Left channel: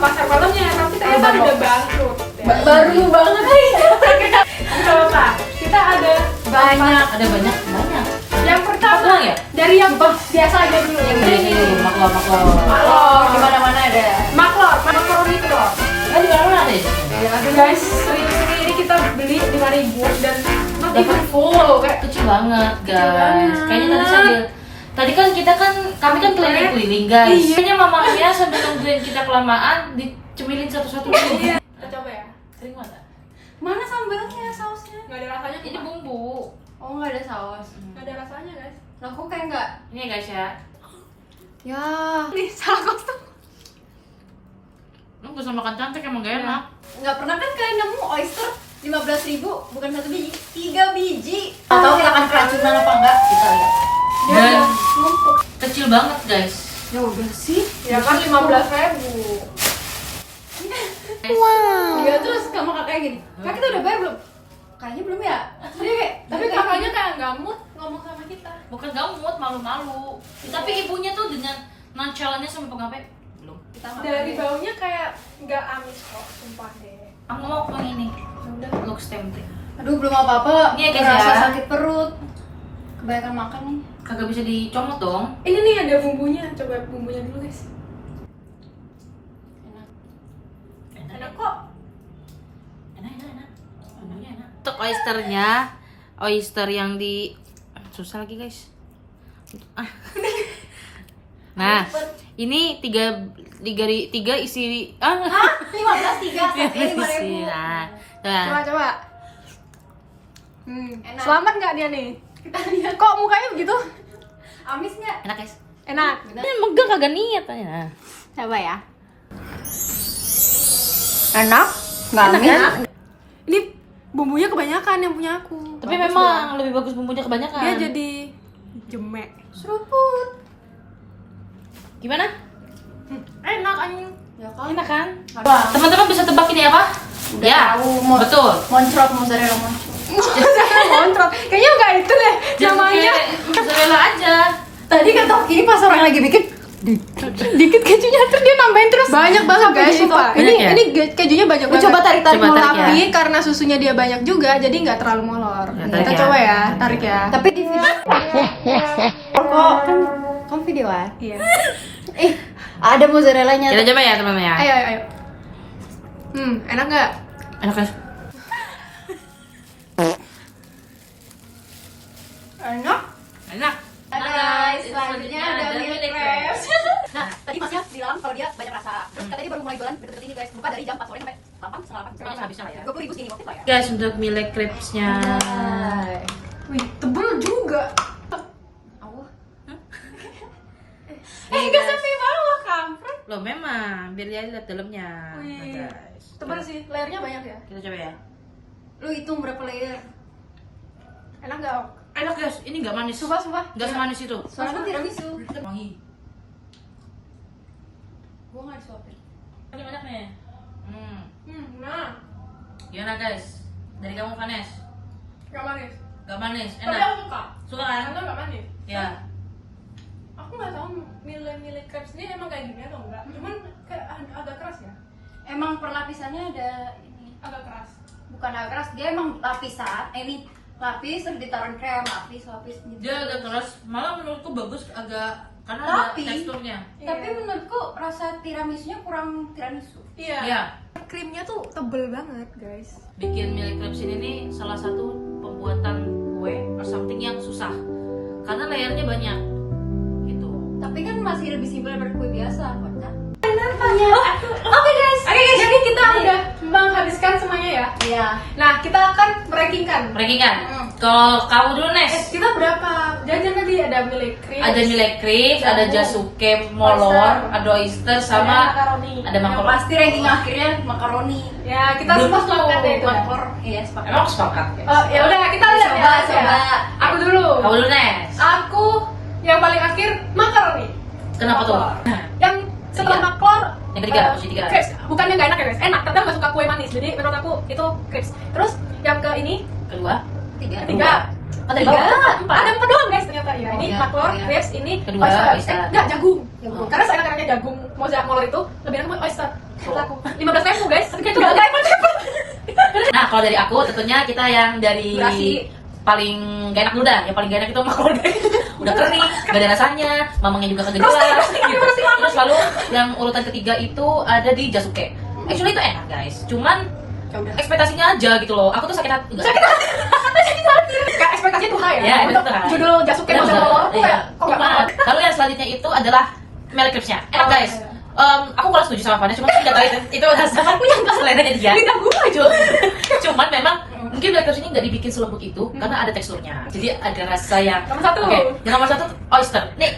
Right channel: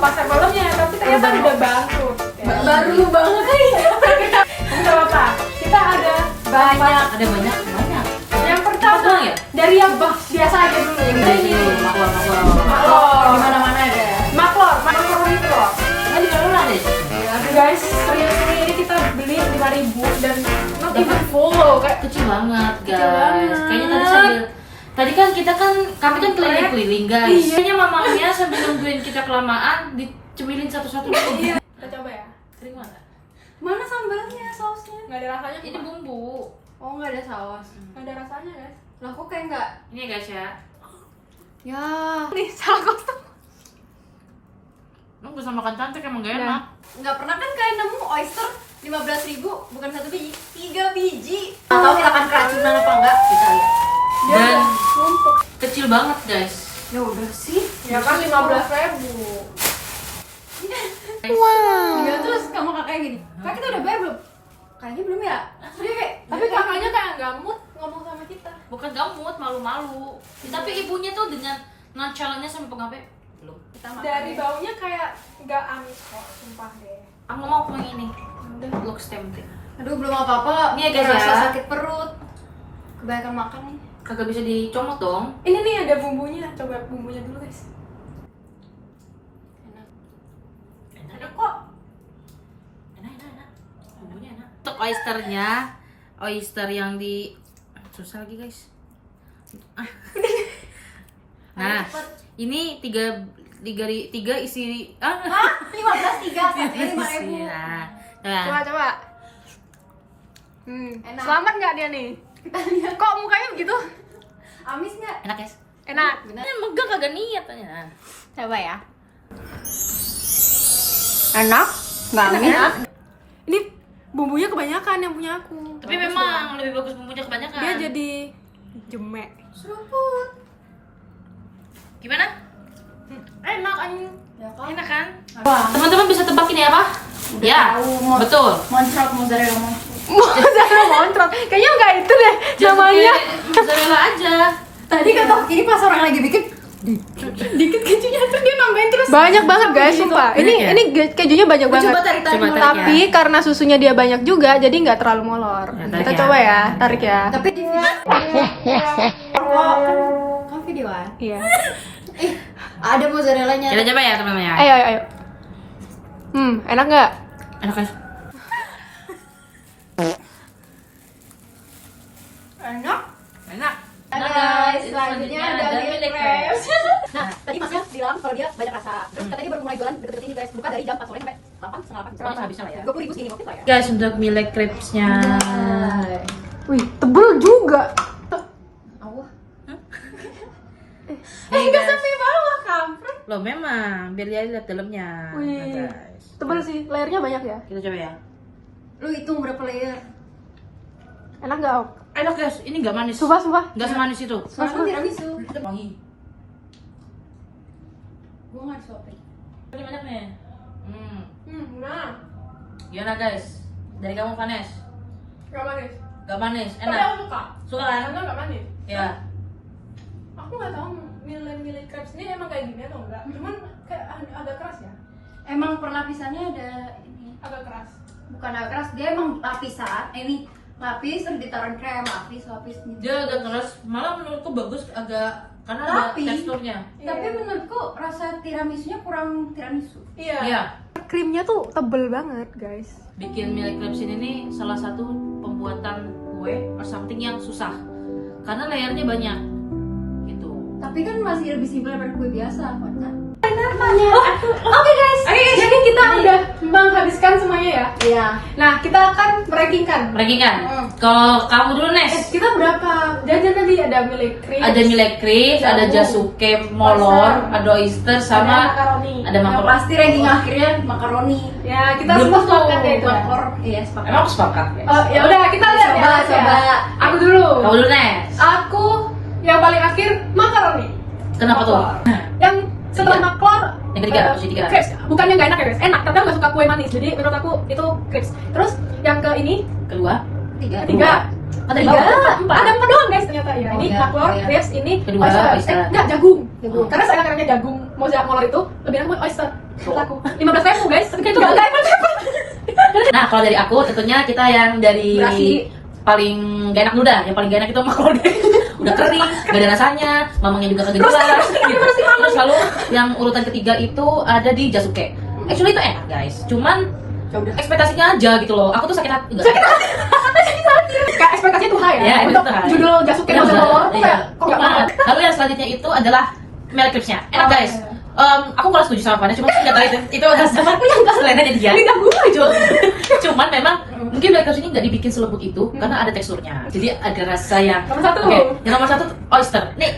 pasar malamnya, tapi ternyata udah bangkrut. Baru banget. Enggak apa-apa. Kita ada Banyak. Ada banyak. yang pertama Apa ya? dari yang biasa aja dulu. Ini maklor. Maklor. Di mana-mana ada. Maklor itu loh. Kan di mana ada? Ya, guys, ini kita beli 5.000 dan not even full kayak Kecil banget, guys. banget. Kayaknya tadi kan kami kan keliling-keliling, guys. Iya. Kayaknya mamanya sambil nungguin kita kelamaan dicemilin satu-satu dulu. Iya. Kita coba ya. Sering mana? Mana sambalnya, sausnya? Nggak ada rasanya. Ini bumbu. Oh, nggak ada saus. Nggak ada rasanya, guys. Lah kok kayak nggak? Ini ya, guys ya. Ya. Nih, salah kostum. Lu bisa makan cantik emang gak enak. Nggak pernah kan kalian nemu oyster 15.000 bukan 1 biji, 3 biji. Tahu kita akan keracunan apa enggak? Kita lihat. Dan Numpuk. kecil banget, guys. Ya udah sih. Ya kan 15.000. Ya terus kamu kakaknya gini. Kak kita udah bayar belum? Kayaknya belum ya. Dia kayak Tapi kakaknya kayak nggak mood ngomong sama kita. Bukan gamut, malu-malu. Tapi ibunya tuh dengan nonchalannya sama pengape belum. kita makan. Dari baunya kayak nggak amis kok, sumpah deh. Aku mau yang ini. Udah. Looks tempting. Aduh belum apa-apa. Ini ya, guys, Ngerasa ya. sakit perut. Kebanyakan makan nih. Kagak bisa dicomot dong. Ini nih ada bumbunya, coba bumbunya dulu guys. Enak kok. Enak. Bumbunya enak. Untuk oyster yang di susah lagi, guys. Nah, ini tiga isi 15 3 5.000. Nah, Coba. Enak. Selamat nggak dia nih? Kok mukanya begitu? Amis nggak? enak, guys. Enak. Ini megang kagak niat kan. Coba ya. Enak? Nggak amis? Ini bumbunya kebanyakan yang punya aku. Tapi memang lebih bagus bumbunya kebanyakan. Dia jadi jemek. Seruput. Gimana? Enak anjing. Ya kan? Enak kan? Wah. Teman-teman bisa tebak ini apa? Udah Ya, tahu, betul. mozzarella moncrot. Mozzarella moncrot. Kayaknya nggak itu deh namanya. Mozzarella aja. Tadi kata ini pas orang lagi bikin dikit kejunya terus dia nambahin terus. Banyak banget guys, Jadi sumpah. Banyak Ini ya? ini kejunya banyak banget. Coba tarik Coba molor. tarik ya. Tapi karena susunya dia banyak juga, jadi nggak terlalu molor. Ya, tarik Kita ya. coba ya, tarik ya. Tapi di kan videoan. Iya. Ada mozzarellanya. Kita coba ya, teman-teman ya. Ayo. Enak nggak? Enak, guys. Enak. Enak. Nah guys, selanjutnya ada milk crepes. Nah, tadi Masnya bilang kalau dia banyak rasa. Terus katanya dia baru mulai jualan deket-deket ini guys. Buka dari jam 4 sore sampai 8, setengah 8. Pokoknya habisnya lah ya. 20.000 segini waktu itu lah ya. Guys, untuk milk crepes-nya. Wih, tebel juga. Allah. Nih, guys. Sampai bawah kampret. Loh, memang biar dia lihat dalamnya. Nah, Wih, guys. tebel sih, layernya banyak ya. Kita coba ya. Lu hitung berapa layer? Enak nggak? Ok? Enak, guys. Ini nggak manis. Sumpah. Nggak semanis itu. Soalnya kan tiramisu. Wangi. Gue nggak disuapin. Ini banyak nih. Nah, Gimana, guys? Dari kamu, Vanes? nggak manis. Gak manis, Tapi aku enak. suka. Suka kan? Karena nggak manis. Ya. Aku nggak tahu milk crepes ini emang kayak gini atau enggak. Cuman kayak agak keras ya. Emang perlapisannya ada ini. Agak keras. Bukan agak keras, dia emang lapisan. Ini lapis terus ditaruh krem, lapis gitu. Dia agak keras. Malah menurutku bagus agak karena Tapi- ada teksturnya. Tapi Iya. menurutku rasa tiramisunya kurang tiramisu. Iya. Iya. Krimnya tuh tebel banget, guys. Bikin milk crepes ini nih salah satu pembuatan kue or something yang susah. Karena layarnya banyak. Gitu. Tapi kan masih lebih simpel daripada kue biasa, kan? Oke guys, jadi kita udah menghabiskan semuanya ya. Iya. Nah, kita akan merakingkan. Ranking kan? Kalau kamu dulu, Nes. Kita berapa jajan tadi? Ada milk crepes, Ada milk crepes, ada jasuke molor, ada oyster sama makaroni. ada Yang makaroni. pasti ranking akhirnya makaroni. Ya, kita Belum semua sepakat ya itu. Makor, iya sepakat. Emang aku sepakat ya? Oh, ya udah kita lihat ya. Coba. Aku dulu. Kamu dulu, Nes. Aku yang paling akhir makaroni. Kenapa tuh? Yang setelah Tiga. maklor Yang ketiga, posisi tiga. crepes. Bukannya nggak enak ya guys, enak tapi aku nggak suka kue manis, jadi menurut aku itu crepes. Terus yang ke ini Kedua. ketiga Oh, tadi Tiga. bawah. empat, ada empat doang guys ternyata. Iya, ini iya, maklor, iya. crepes, ini Kedua, oyster. enggak, jagung. Jagung. Karena saya enaknya jagung molor itu lebih enak buat oyster. Kata aku 15.000 guys, kayak itu gak Nah, kalau dari aku tentunya kita yang dari Berasi. paling gak enak dulu dah. Yang paling gak enak itu maklum udah kering, gak ada rasanya, mamangnya juga kagak jelas gitu. Terus lalu yang urutan ketiga itu ada di Jasuke. Actually itu enak guys, cuman ekspektasinya aja gitu loh. Aku tuh sakit hati. Enggak sakit hati. kayak ekspektasinya tuh high ya. Ya, itu Untuk tuh high. judul Jasuke Benar, masuk benar. bawah tuh Iya. kayak kok gak mau. Lalu yang selanjutnya itu adalah Mel Eclipse-nya. Enak Oh, guys. iya. Aku kurang setuju sama Fana, cuma sih nggak tahu itu sama yang pas lainnya jadi dia. Lidah gue aja. Cuman memang mungkin Black Eclipse ini nggak dibikin selembut itu karena ada teksturnya. Jadi ada rasa yang Nomor satu. Oke, yang nomor satu oyster. Nih,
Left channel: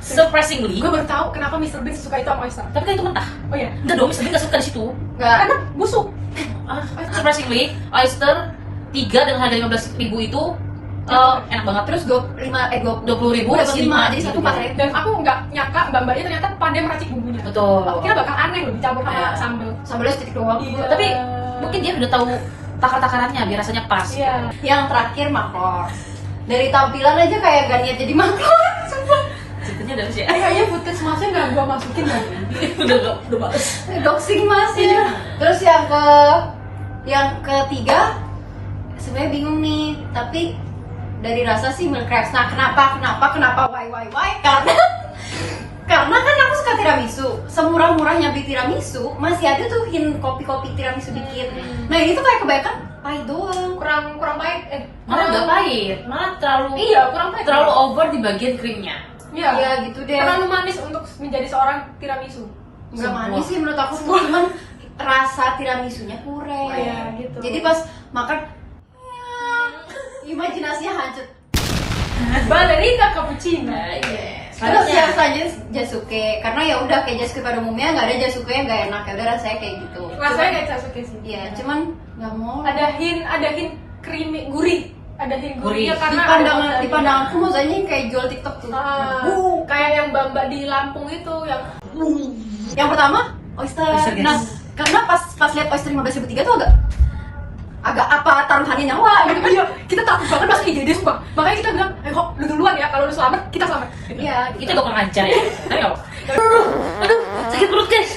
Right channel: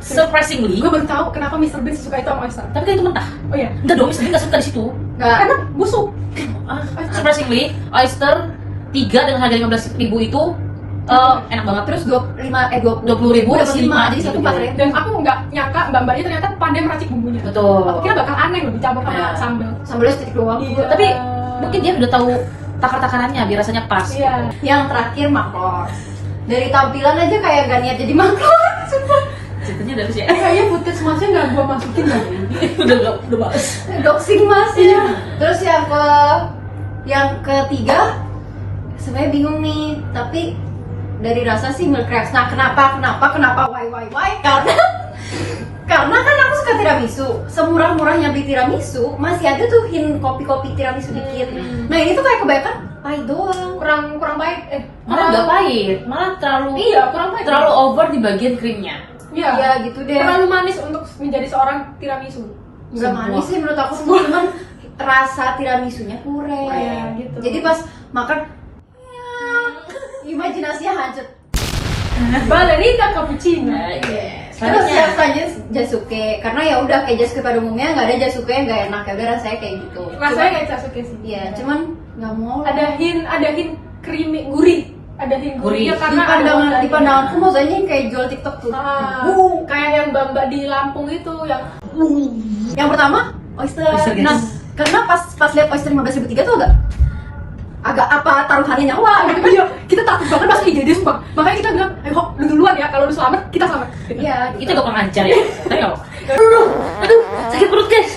surprisingly, Gue baru tahu kenapa Mr. Bean suka itu sama oyster. tapi kan itu mentah. Oh iya. Enggak dong, Mr. Bean nggak suka di situ. Karena busuk. Surprisingly, oyster 3 dengan harga 15.000 itu enak banget. Terus 20.000 dapat 5 jadi gitu. 1 4 dan aku nggak nyangka mbak-mbaknya ternyata pandai meracik bumbunya. Betul. Aku kira bakal aneh loh dicampur sama Iya. sambal. Sambalnya sedikit doang. Iya. Tapi mungkin dia udah tahu takar-takarannya biar rasanya pas. Iya. Yang terakhir makor. Dari tampilan aja kayak gak niat jadi makor. Sumpah. Ceritanya udah sih. Kayaknya footage masnya nggak gua masukin lagi. udah males. Doxing mas ya. Terus yang ketiga sebenarnya bingung nih, tapi dari rasa sih milk crepes. Nah, kenapa why? Karena kan aku suka tiramisu. Semurah-murahnya beli tiramisu, masih ada tuh hint kopi-kopi tiramisu dikit. Nah, ini tuh kayak kebanyakan pahit doang. Kurang baik. Malah nggak pahit, malah terlalu Iya, kurang baik. terlalu over di bagian krimnya. Iya. Ya gitu deh. Terlalu manis untuk menjadi seorang tiramisu. Enggak Sebuah- manis sih menurut aku, cuman rasa tiramisunya kurang. Oh, iya, gitu. Jadi pas makan imajinasinya hancur. Ballerina cappuccino. Nah, yes. Terus Selanjutnya, yang selanjutnya Jasuke, karena ya udah kayak Jasuke pada umumnya nggak ada Jasuke yang nggak enak, ya udah rasanya kayak gitu. Rasanya kayak Jasuke sih. Iya, cuman nggak mau. Ada hint creamy, gurih. Ada hint Gurih. gurihnya di karena ada pandangan bawang di pandanganku maksudnya kayak jual TikTok tuh. kayak yang mbak di Lampung itu yang Yang pertama oyster. Oyster, guys. Nah, karena pas lihat oyster 15.003 tuh agak apa taruhannya nyawa gitu. Iya, kita takut banget masuk IGD sumpah. Makanya kita bilang, ayo lu duluan ya, kalau lu selamat kita selamat. Iya, itu bakal lancar ya. Tapi nggak apa-apa. Aduh, sakit perut guys.